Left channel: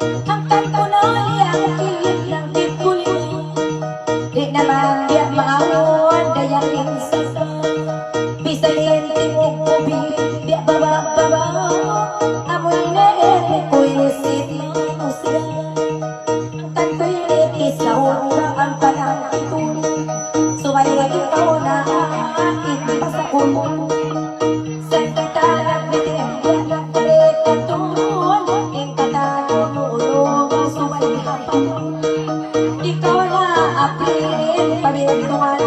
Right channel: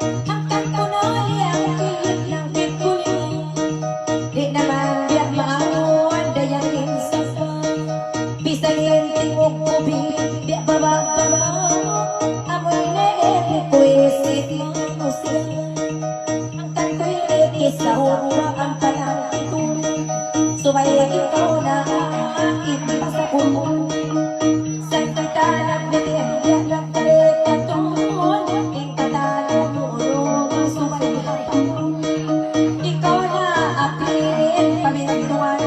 Hanggang punoy ang kilid ng tikuloy. Di naman di maawon dayaling sasa. Bisay lenting o kubiling di baba-baba. Amoy ne'y kuisit mo siya. Hanggang ko'y ikisaw na ang kanang ituloy. Sumaya ikaw na aking pasakun. Sa katalang bitin yan karetatun. Ikatanong ulong sumaya pa. Ikaw na apin pabintungan.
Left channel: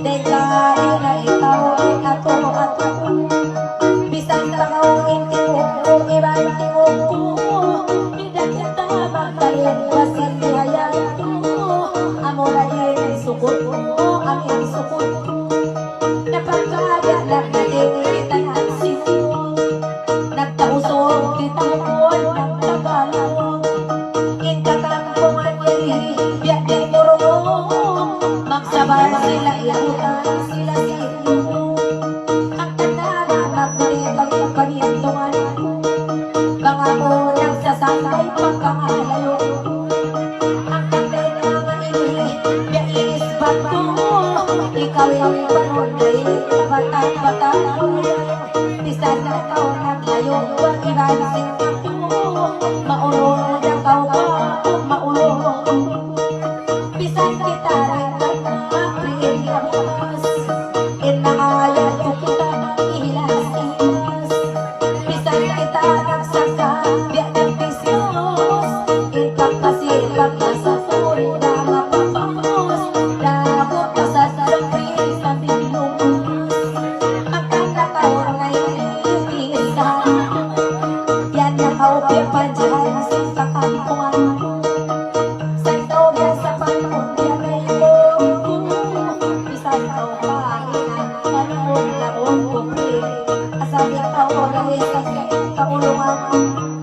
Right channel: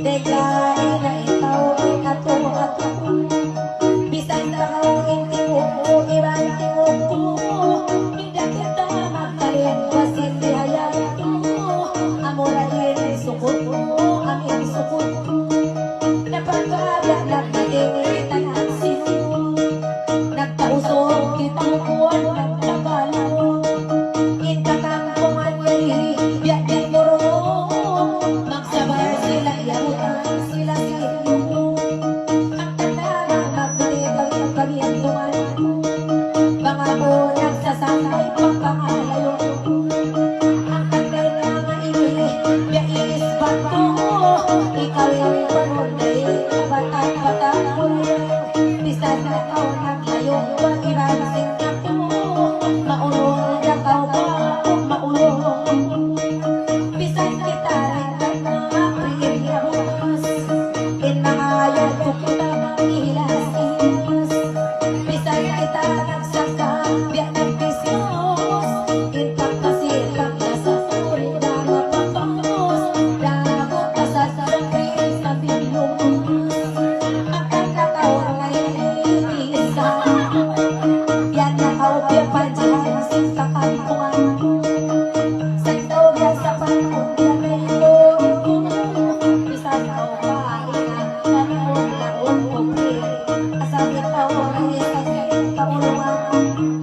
Dejarin na ikaw ato at ako. Bisan takaw hindi mo ibang tingog ko. Hindi kita magkain pasin hayal ko. Amo na din sukot ko, aming sukot ko. Napagkada na nagigilitan ang siko. Nagtausog dito ko, nagtabalong. Intatang pumatay, biyak din muro. Magsabay sila iyarutan, sila sino. Ang tanda na magbibag ang panitungan. Mga mo nagsasakay pagkakalayo. Ang tanda na maingay, biyak iisbat ko. Ikaw yung panunay, bata-bata ko. Bisan na ikaw naglayo, huwag ibansin ako. Maulong mo na kaupa, maulong. Bisan kita rin nagpapagin ang mas. Inangayon ko kita, ihilas-ihilas. Bisan kita nagsaka, biyak ng pismos. Itak kasi pagkasa ko'y nakapapamos. Labot ka sa sarapin sa tinulungas. Ang kakatawa ngayon iisa. Yan na kaupya pa dyan sa kakampuan. Sa tawag sa pagpunta na ilong ko. Bisan ako kahinan, kanang lakong kumpli. Asal na tawag ay sa kaulungan.